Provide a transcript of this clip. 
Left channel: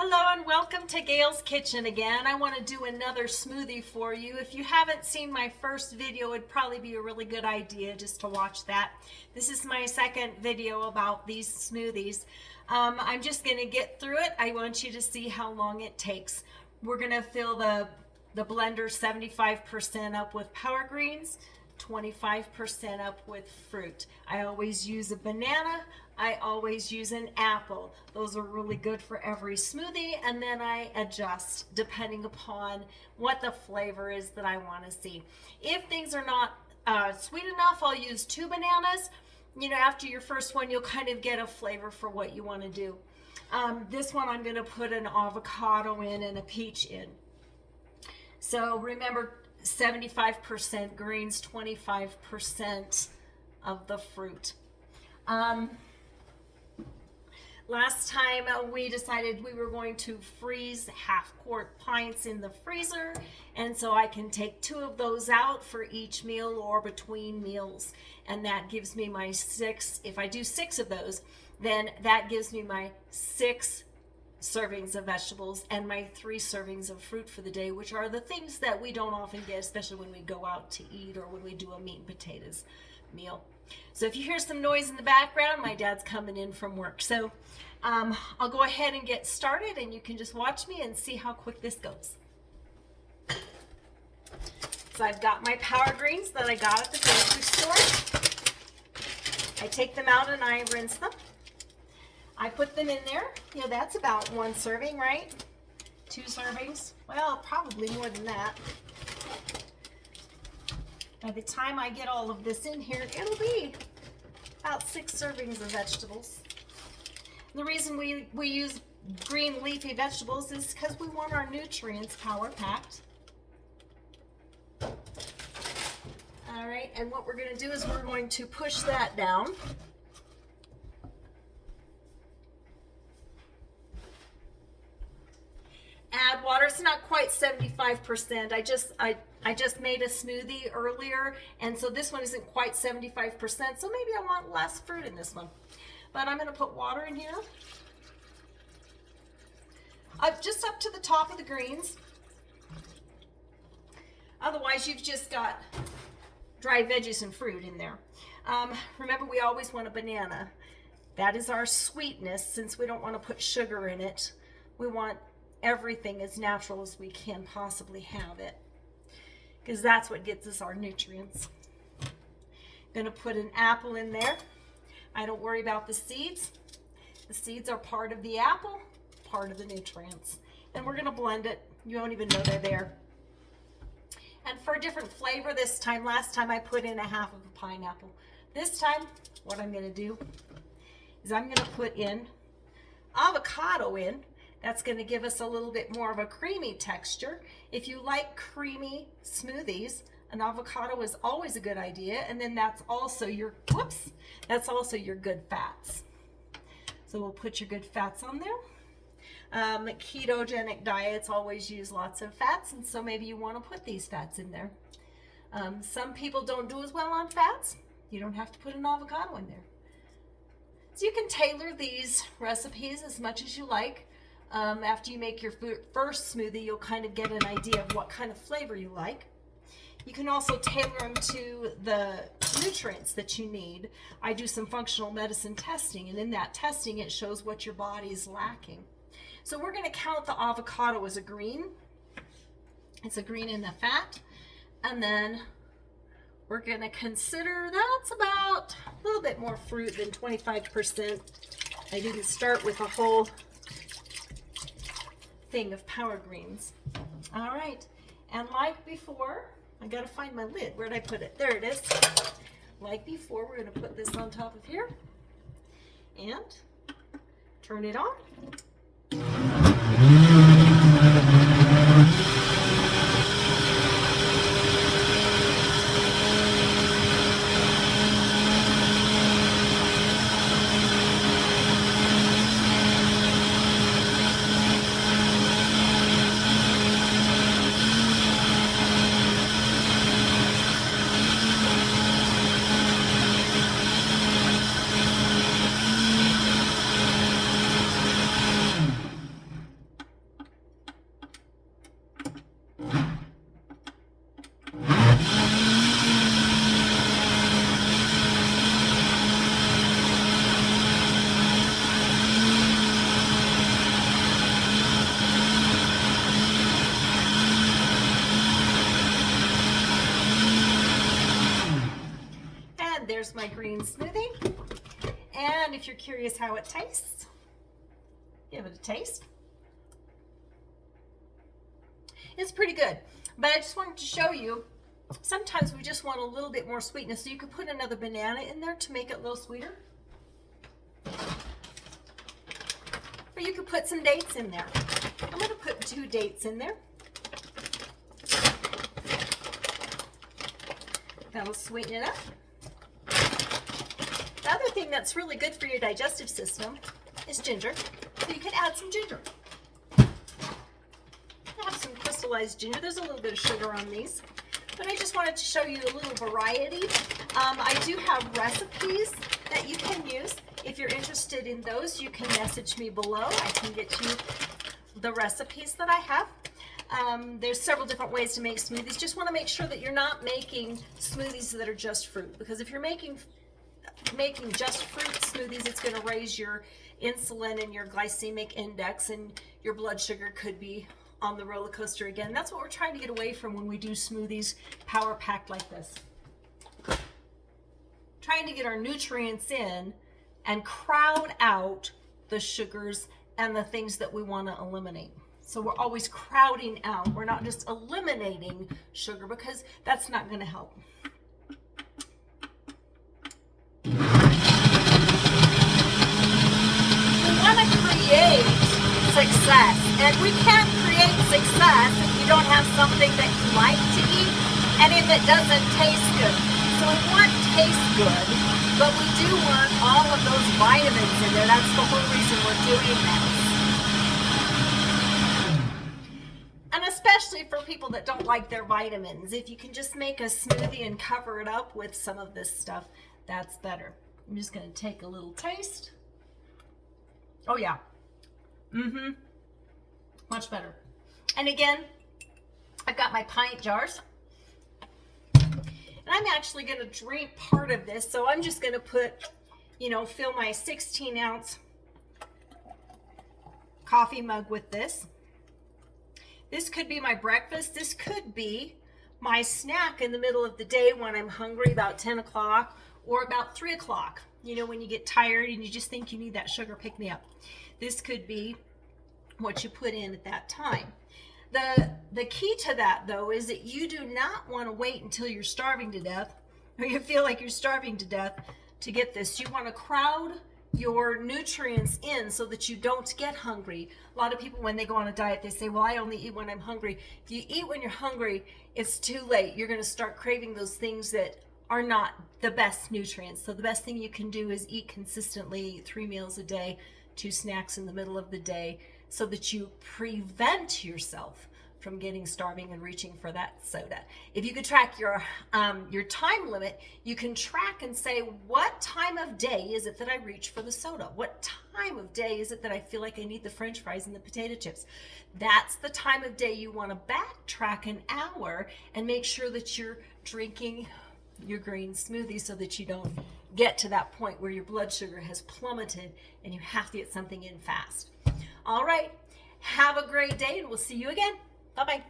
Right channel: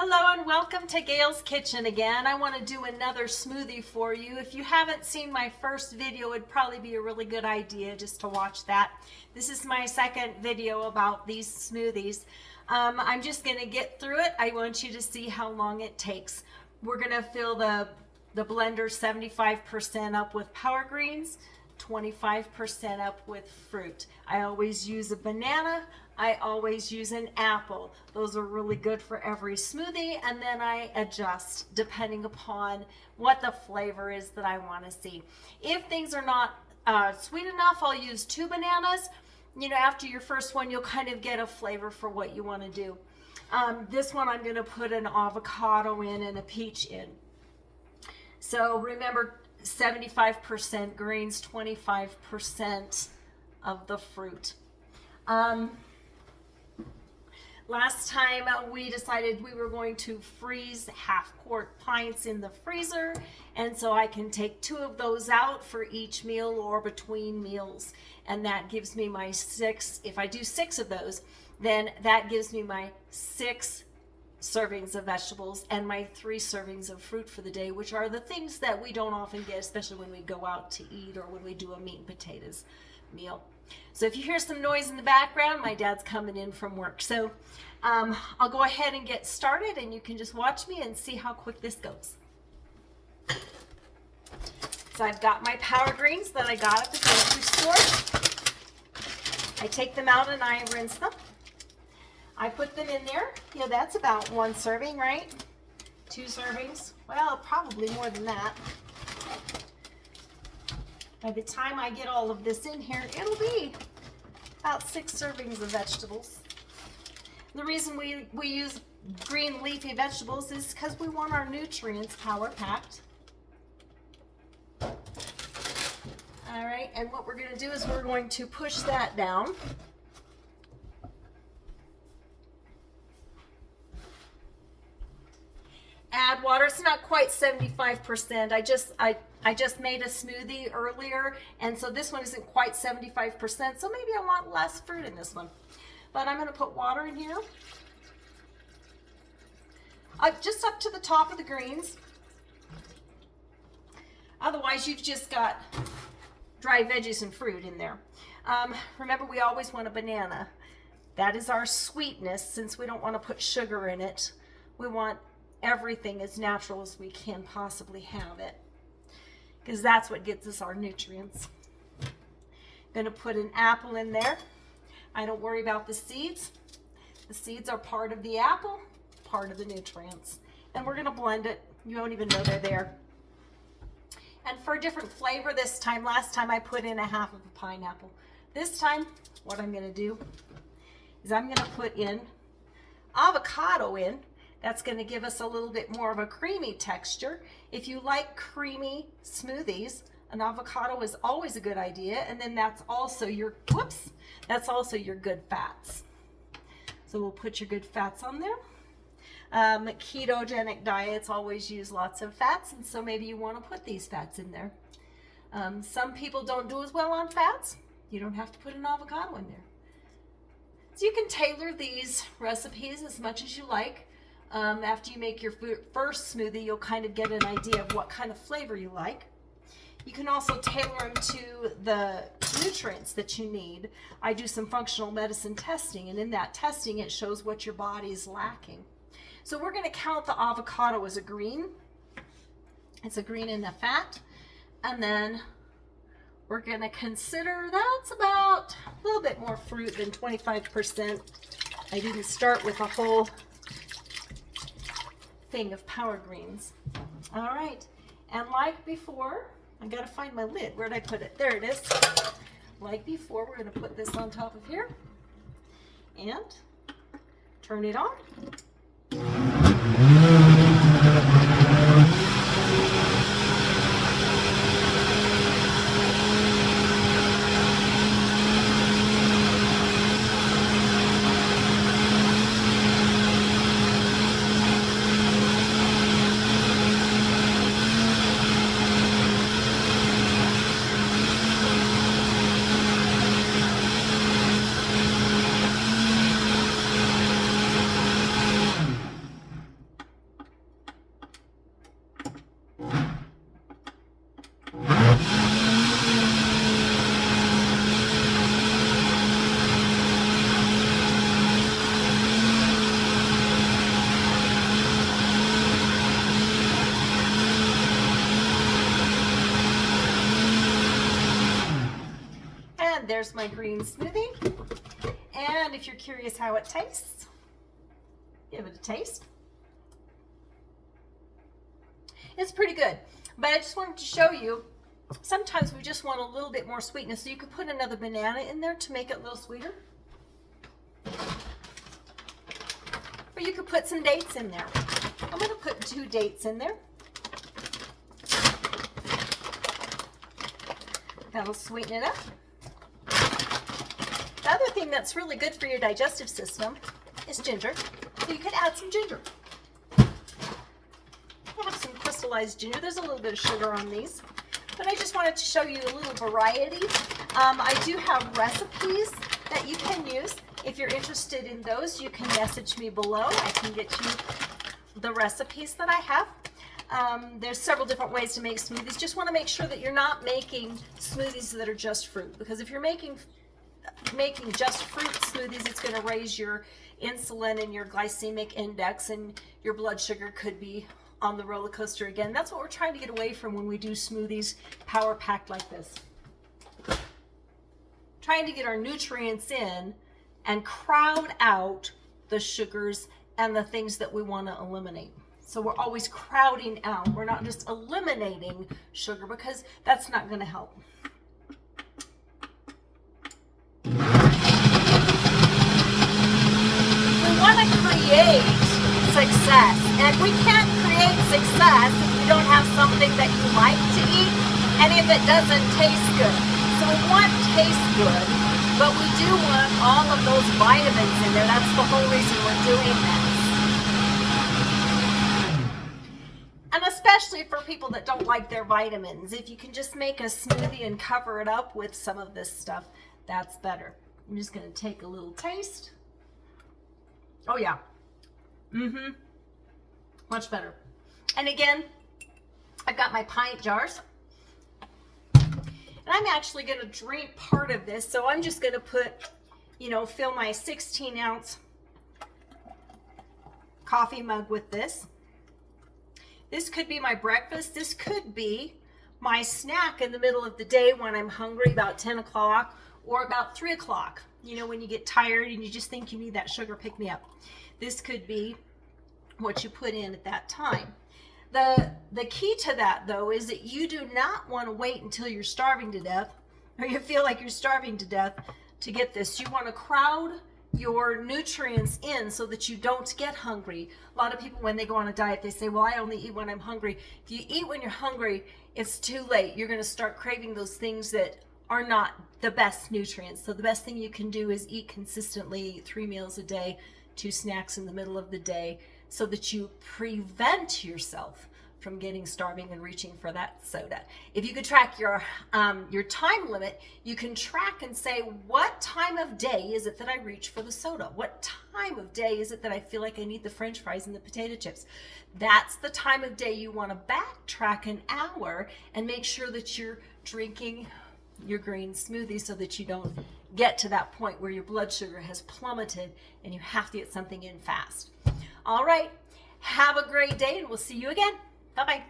Hello and welcome to Gail's Kitchen again. I want to do another smoothie for you. If you haven't seen my first video, it'd probably be a really good idea just to watch that. This is my second video about these smoothies. I'm just going to get through it. I want you to see how long it takes. We're going to fill the blender 75% up with power greens, 25% up with fruit. I always use a banana. I always use an apple. Those are really good for every smoothie, and then I adjust depending upon what the flavor is that I want to see. If things are not sweet enough, I'll use 2 bananas. You know, after your first one, you'll kind of get a flavor for what you want to do. This one I'm going to put an avocado in and a peach in. So remember, 75% greens, 25% of the fruit. Last time we decided we were going to freeze half-quart pints in the freezer, and so I can take 2 of those out for each meal or between meals, and that gives me my 6. If I do 6 of those, then that gives me my 6 servings of vegetables and my 3 servings of fruit for the day, which are the things that we don't often get, especially when we go out to eat or when we do a meat and potatoes meal. So if you hear some noise in the background, my dad's coming in from work. So I'll go ahead and get started, and you can just watch me and see how quick this goes. So I've got my power greens that I got at the grocery store. I take them out and I rinse them. I put them in there. You know, that's about 1 serving, right? 2 servings. Well, probably more than that. By the time I get all of this in here, it'll be about 6 servings of vegetables. And the reason we use green leafy vegetables is because we want our nutrients power-packed. All right, and what we're going to do is we're going to push that down. Add water. It's not quite 75%. I just made a smoothie earlier, and so this one isn't quite 75%, so maybe I want less fruit in this one. But I'm going to put water in here. Just up to the top of the greens. Otherwise, you've just got dry veggies and fruit in there. Remember, we always want a banana. That is our sweetness. Since we don't want to put sugar in it, we want everything as natural as we can possibly have it, because that's what gets us our nutrients. Going to put an apple in there. I don't worry about the seeds. The seeds are part of the apple, part of the nutrients. And we're going to blend it. You won't even know they're there. And for a different flavor this time, last time I put in a half of a pineapple. This time, what I'm going to do is I'm going to put in avocado in. That's going to give us a little bit more of a creamy texture. If you like creamy smoothies, an avocado is always a good idea. And then that's also your, that's also your good fats. So we'll put your good fats on there. Ketogenic diets always use lots of fats, and so maybe you want to put these fats in there. Some people don't do as well on fats. You don't have to put an avocado in there. So you can tailor these recipes as much as you like. After you make your first smoothie, you'll kind of get an idea of what kind of flavor you like. You can also tailor them to the nutrients that you need. I do some functional medicine testing, and in that testing, it shows what your body is lacking. So we're going to count the avocado as a green. It's a green in the fat. And then we're going to consider that's about a little bit more fruit than 25%. I didn't start with a whole thing of power greens. All right, and like before, I gotta find my lid. Where'd I put it? There it is. Like before, we're gonna put this on top of here and turn it on. there's my green smoothie. And if you're curious how it tastes, give it a taste. It's pretty good, but I just wanted to show you, sometimes we just want a little bit more sweetness, so you could put another banana in there to make it a little sweeter. Or you could put some dates in there. I'm going to put 2 dates in there. That'll sweeten it up. The other thing that's really good for your digestive system is ginger. So you could add some ginger. I have some crystallized ginger. There's a little bit of sugar on these, but I just wanted to show you a little variety. I do have recipes that you can use. If you're interested in those, you can message me below. I can get you the recipes that I have. There's several different ways to make smoothies. Just want to make sure that you're not making smoothies that are just fruit, because if you're making just fruit smoothies, it's going to raise your insulin and your glycemic index, and your blood sugar could be on the roller coaster again. That's what we're trying to get away from when we do smoothies power packed like this. Trying to get our nutrients in and crowd out the sugars and the things that we want to eliminate. So we're always crowding out. We're not just eliminating sugar, because that's not going to help. We want to create success, and we can't create success if you don't have something that you like to eat and if it doesn't taste good. So we want taste good, but we do want all of those vitamins in there. That's the whole reason we're doing this. And especially for people that don't like their vitamins, if you can just make a smoothie and cover it up with some of this stuff, that's better. I'm just going to take a little taste. Oh yeah. Much better. And again, I've got my pint jars. And I'm actually going to drink part of this, so I'm just going to put, fill my 16-ounce coffee mug with this. This could be my breakfast. This could be my snack in the middle of the day when I'm hungry, about 10 o'clock or about 3 o'clock. When you get tired and you just think you need that sugar pick-me-up. This could be what you put in at that time. The key to that, though, is that you do not want to wait until you're starving to death, or you feel like you're starving to death, to get this. You want to crowd your nutrients in so that you don't get hungry. A lot of people, when they go on a diet, they say, well, I only eat when I'm hungry. If you eat when you're hungry, it's too late. You're going to start craving those things that are not the best nutrients. So the best thing you can do is eat consistently, 3 meals a day, 2 snacks in the middle of the day, so that you prevent yourself from getting starving and reaching for that soda. If you could track your time limit, you can track and say, what time of day is it that I reach for the soda? What time of day is it that I feel like I need the French fries and the potato chips? That's the time of day you want to backtrack an hour and make sure that you're drinking your green smoothie, so that you don't get to that point where your blood sugar has plummeted and you have to get something in fast. All right, have a great day, and we'll see you again. Bye-bye.